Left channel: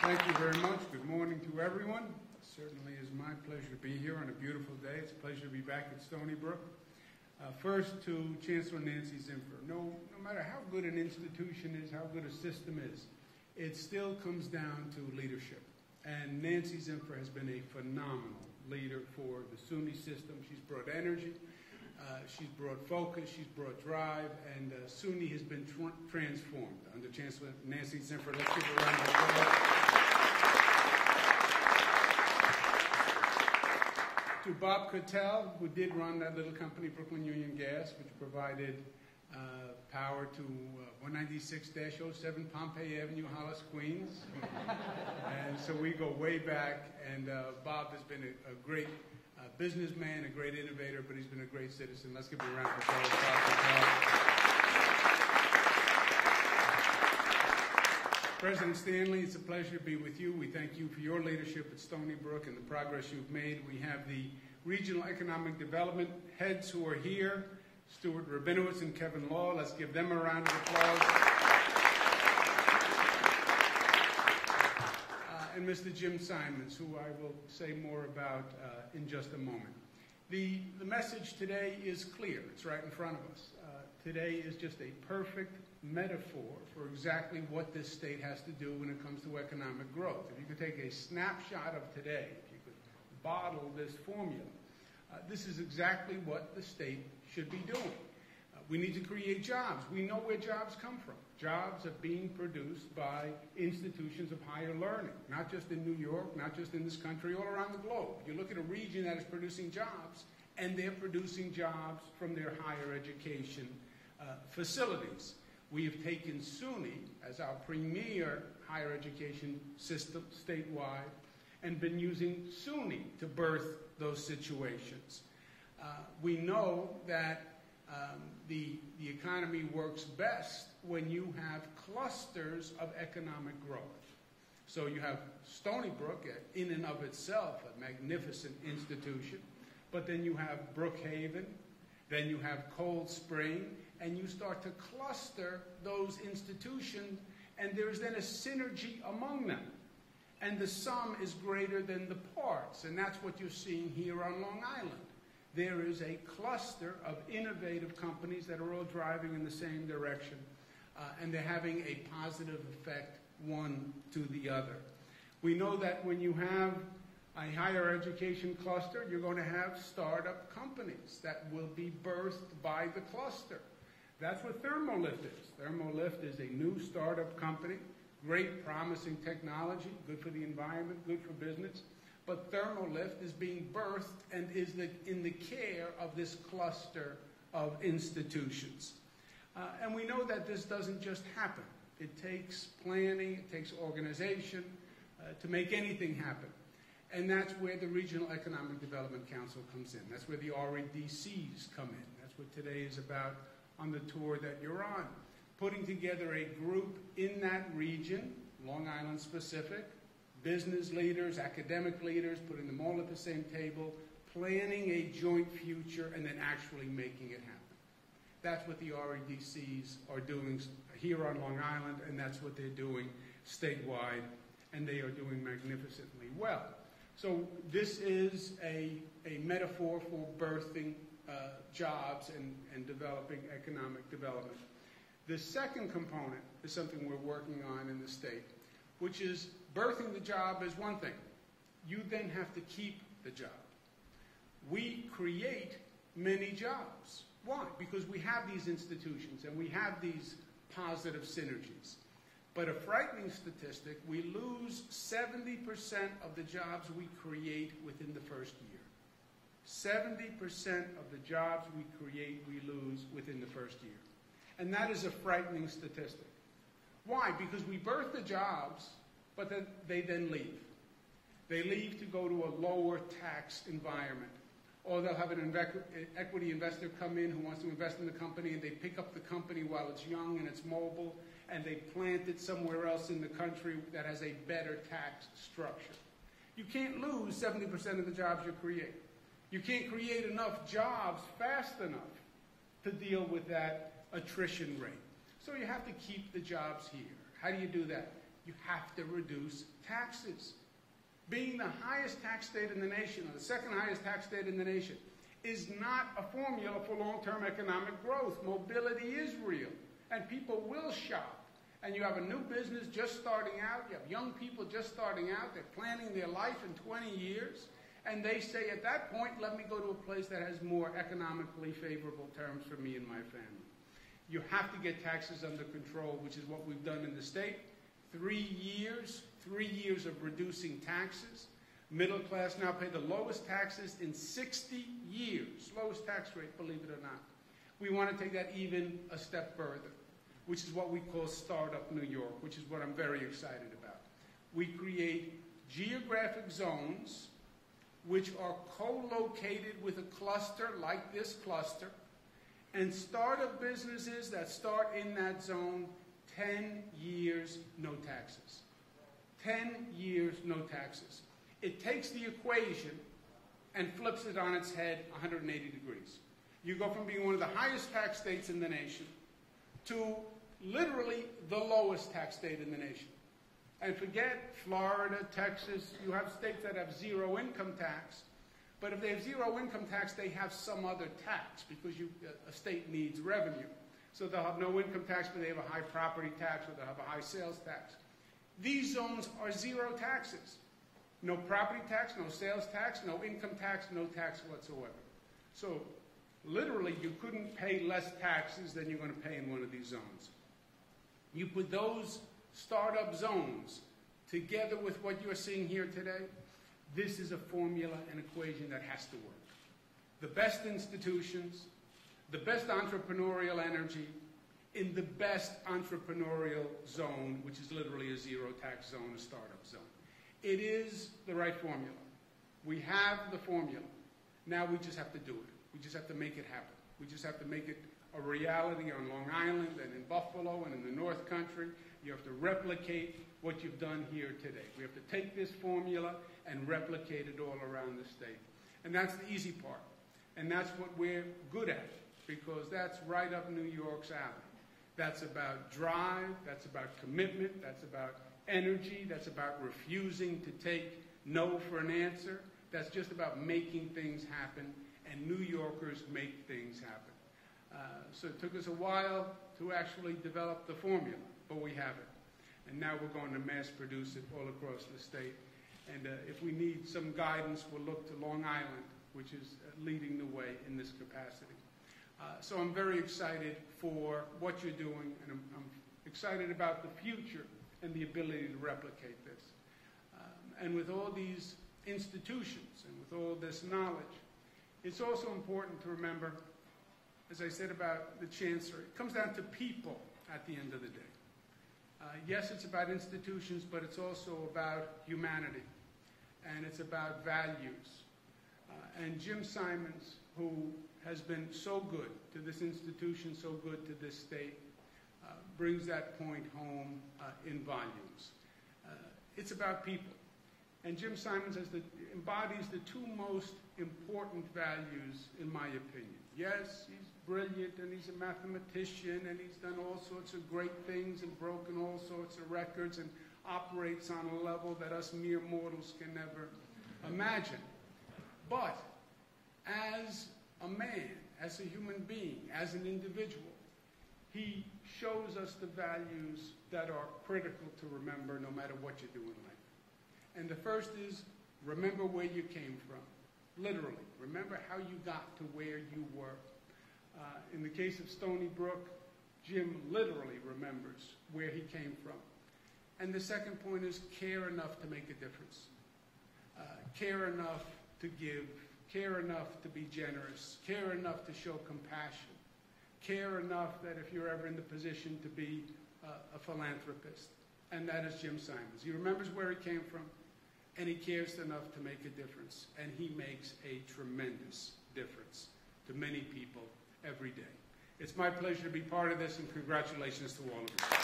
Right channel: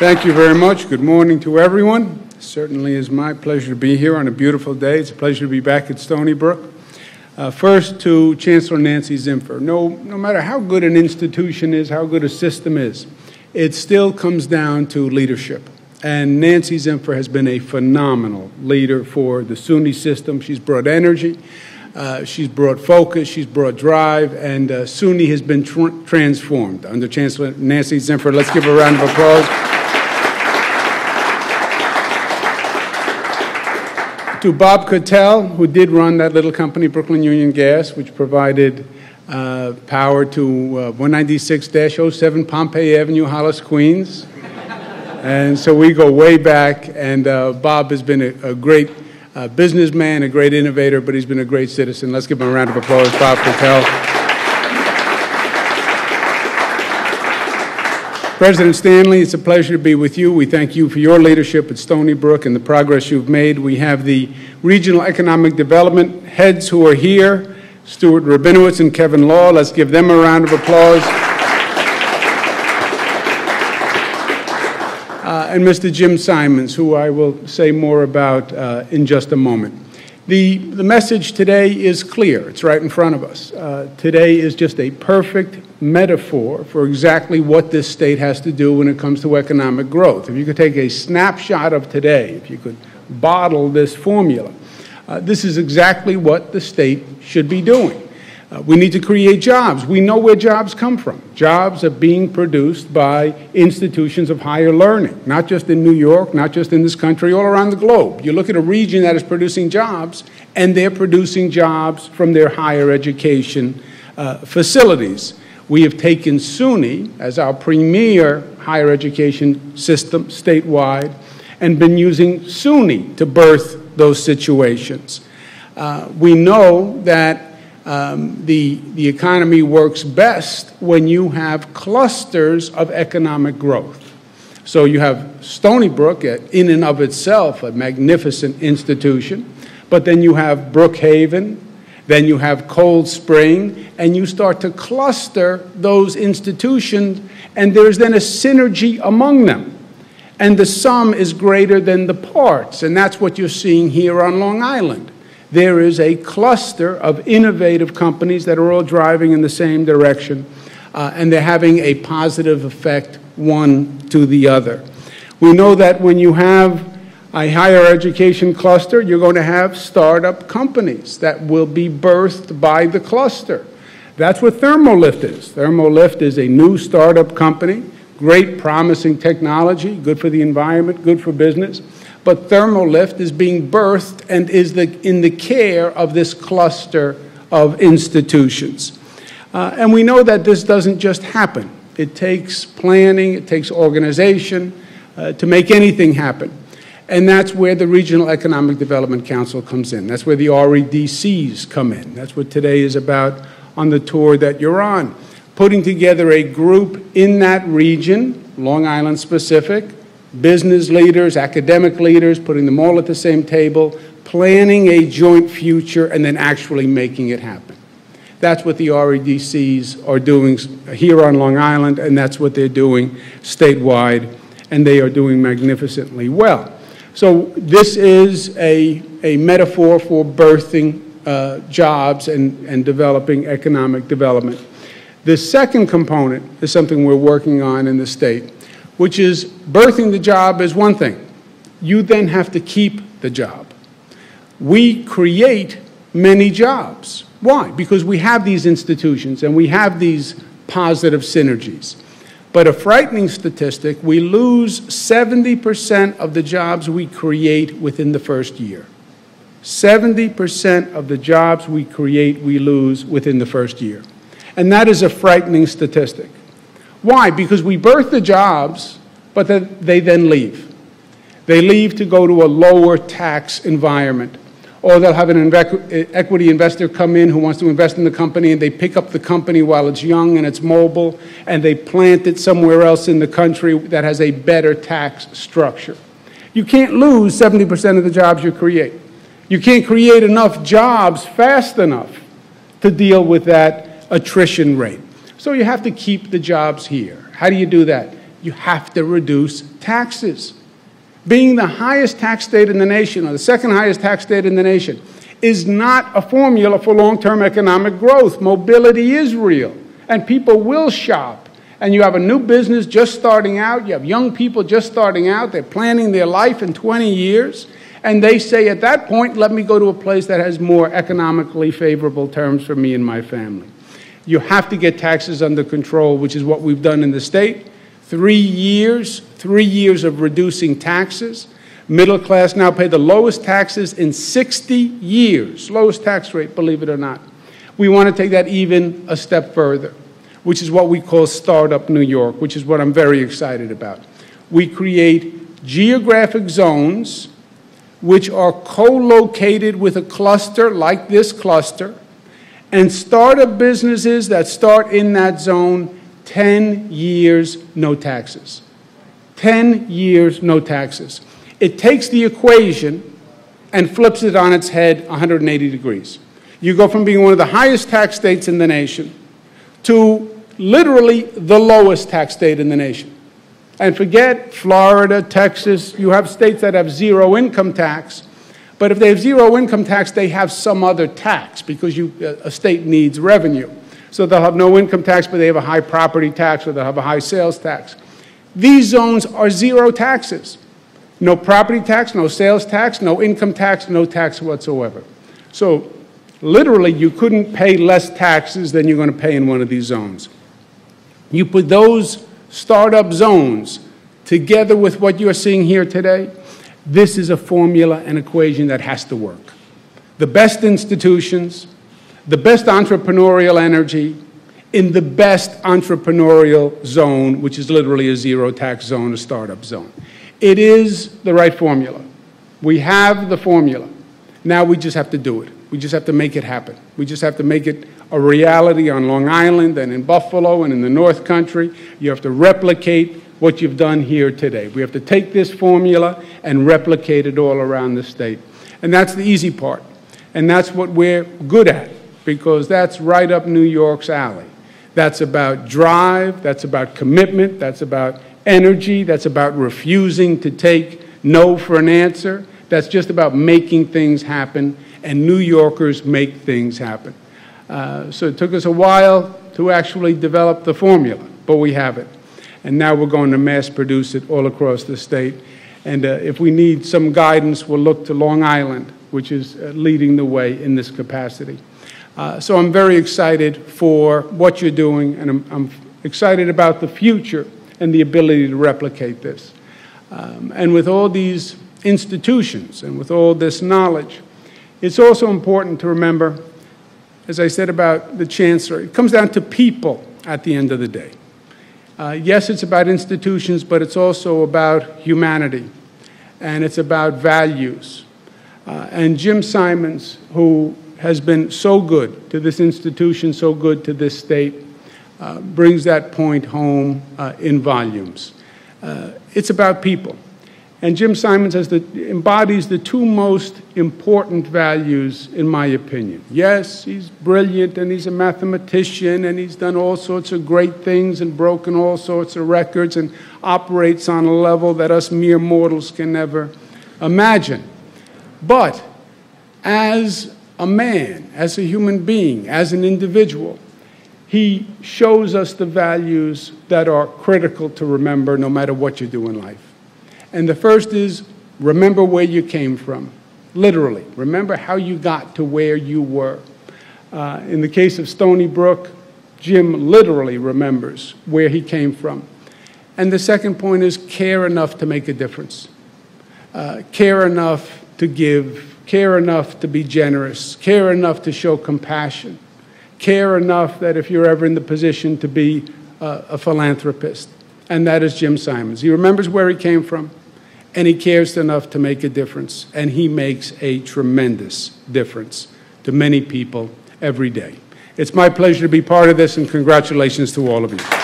Thank you very much. Good morning to everyone. It certainly is my pleasure to be here on a beautiful day. It's a pleasure to be back at Stony Brook. First to Chancellor Nancy Zimpher. No matter how good an institution is, how good a system is, it still comes down to leadership. And Nancy Zimpher has been a phenomenal leader for the SUNY system. She's brought energy, she's brought focus, she's brought drive, and SUNY has been transformed under Chancellor Nancy Zimpher. Let's give her a round of applause. To Bob Cattell, who did run that little company, Brooklyn Union Gas, which provided power to 196-07 Pompey Avenue, Hollis, Queens. And so we go way back, and Bob has been a great businessman, a great innovator, but he's been a great citizen. Let's give him a round of applause, Bob Cattell. President Stanley, it's a pleasure to be with you. We thank you for your leadership at Stony Brook and the progress you've made. We have the Regional Economic Development heads who are here, Stuart Rabinowitz and Kevin Law. Let's give them a round of applause. And Mr. Jim Simons, who I will say more about in just a moment. The message today is clear. It's right in front of us. Today is just a perfect metaphor for exactly what this state has to do when it comes to economic growth. If you could take a snapshot of today, if you could bottle this formula, this is exactly what the state should be doing. We need to create jobs. We know where jobs come from. Jobs are being produced by institutions of higher learning, not just in New York, not just in this country, all around the globe. You look at a region that is producing jobs, and they're producing jobs from their higher education facilities. We have taken SUNY as our premier higher education system statewide and been using SUNY to birth those situations. We know that the economy works best when you have clusters of economic growth. So you have Stony Brook, in and of itself, a magnificent institution, but then you have Brookhaven, then you have Cold Spring, and you start to cluster those institutions, and there's then a synergy among them. And the sum is greater than the parts, and that's what you're seeing here on Long Island. There is a cluster of innovative companies that are all driving in the same direction, and they're having a positive effect one to the other. We know that when you have a higher education cluster, you're going to have startup companies that will be birthed by the cluster. That's what Thermolift is. Thermolift is a new startup company, great promising technology, good for the environment, good for business. But Thermolift is being birthed and is in the care of this cluster of institutions. And we know that this doesn't just happen. It takes planning, it takes organization to make anything happen. And that's where the Regional Economic Development Council comes in. That's where the REDCs come in. That's what today is about on the tour that you're on. Putting together a group in that region, Long Island specific, business leaders, academic leaders, putting them all at the same table, planning a joint future, and then actually making it happen. That's what the REDCs are doing here on Long Island, and that's what they're doing statewide, and they are doing magnificently well. So this is a metaphor for birthing jobs and developing economic development. The second component is something we're working on in the state, which is birthing the job is one thing. You then have to keep the job. We create many jobs. Why? Because we have these institutions and we have these positive synergies. But a frightening statistic, we lose 70% of the jobs we create within the first year. 70% of the jobs we create, we lose within the first year. And that is a frightening statistic. Why? Because we birth the jobs, but they then leave. They leave to go to a lower tax environment. Or they'll have an equity investor come in who wants to invest in the company, and they pick up the company while it's young and it's mobile, and they plant it somewhere else in the country that has a better tax structure. You can't lose 70% of the jobs you create. You can't create enough jobs fast enough to deal with that attrition rate. So you have to keep the jobs here. How do you do that? You have to reduce taxes. Being the highest tax state in the nation, or the second highest tax state in the nation, is not a formula for long-term economic growth. Mobility is real, and people will shop. And you have a new business just starting out. You have young people just starting out. They're planning their life in 20 years. And they say, at that point, let me go to a place that has more economically favorable terms for me and my family. You have to get taxes under control, which is what we've done in the state. 3 years of reducing taxes. Middle class now pay the lowest taxes in 60 years. Lowest tax rate, believe it or not. We want to take that even a step further, which is what we call Startup New York, which is what I'm very excited about. We create geographic zones which are co-located with a cluster like this cluster, and startup businesses that start in that zone, 10 years, no taxes. 10 years, no taxes. It takes the equation and flips it on its head 180 degrees. You go from being one of the highest tax states in the nation to literally the lowest tax state in the nation. And forget Florida, Texas. You have states that have zero income tax. But if they have zero income tax, they have some other tax because a state needs revenue. So they'll have no income tax, but they have a high property tax, or they'll have a high sales tax. These zones are zero taxes. No property tax, no sales tax, no income tax, no tax whatsoever. So literally, you couldn't pay less taxes than you're going to pay in one of these zones. You put those startup zones together with what you're seeing here today, this is a formula and equation that has to work. The best institutions, the best entrepreneurial energy in the best entrepreneurial zone, which is literally a zero tax zone, a startup zone. It is the right formula. We have the formula. Now we just have to do it. We just have to make it happen. We just have to make it a reality on Long Island and in Buffalo and in the North Country. You have to replicate what you've done here today. We have to take this formula and replicate it all around the state. And that's the easy part. And that's what we're good at, because that's right up New York's alley. That's about drive, that's about commitment, that's about energy, that's about refusing to take no for an answer. That's just about making things happen, and New Yorkers make things happen. So it took us a while to actually develop the formula, but we have it. And now we're going to mass produce it all across the state. And if we need some guidance, we'll look to Long Island, which is leading the way in this capacity. So I'm very excited for what you're doing, and I'm excited about the future and the ability to replicate this. And with all these institutions and with all this knowledge, it's also important to remember, as I said about the chancellor, it comes down to people at the end of the day. Yes, it's about institutions, but it's also about humanity, and it's about values. And Jim Simons, who has been so good to this institution, so good to this state, brings that point home in volumes. It's about people. And Jim Simons embodies the two most important values, in my opinion. Yes, he's brilliant, and he's a mathematician, and he's done all sorts of great things and broken all sorts of records and operates on a level that us mere mortals can never imagine. But as a man, as a human being, as an individual, he shows us the values that are critical to remember no matter what you do in life. And the first is, remember where you came from. Literally, remember how you got to where you were. In the case of Stony Brook, Jim literally remembers where he came from. And the second point is, care enough to make a difference. Care enough to give, care enough to be generous, care enough to show compassion, care enough that if you're ever in the position to be a philanthropist. And that is Jim Simons. He remembers where he came from, and he cares enough to make a difference, and he makes a tremendous difference to many people every day. It's my pleasure to be part of this, and congratulations to all of you.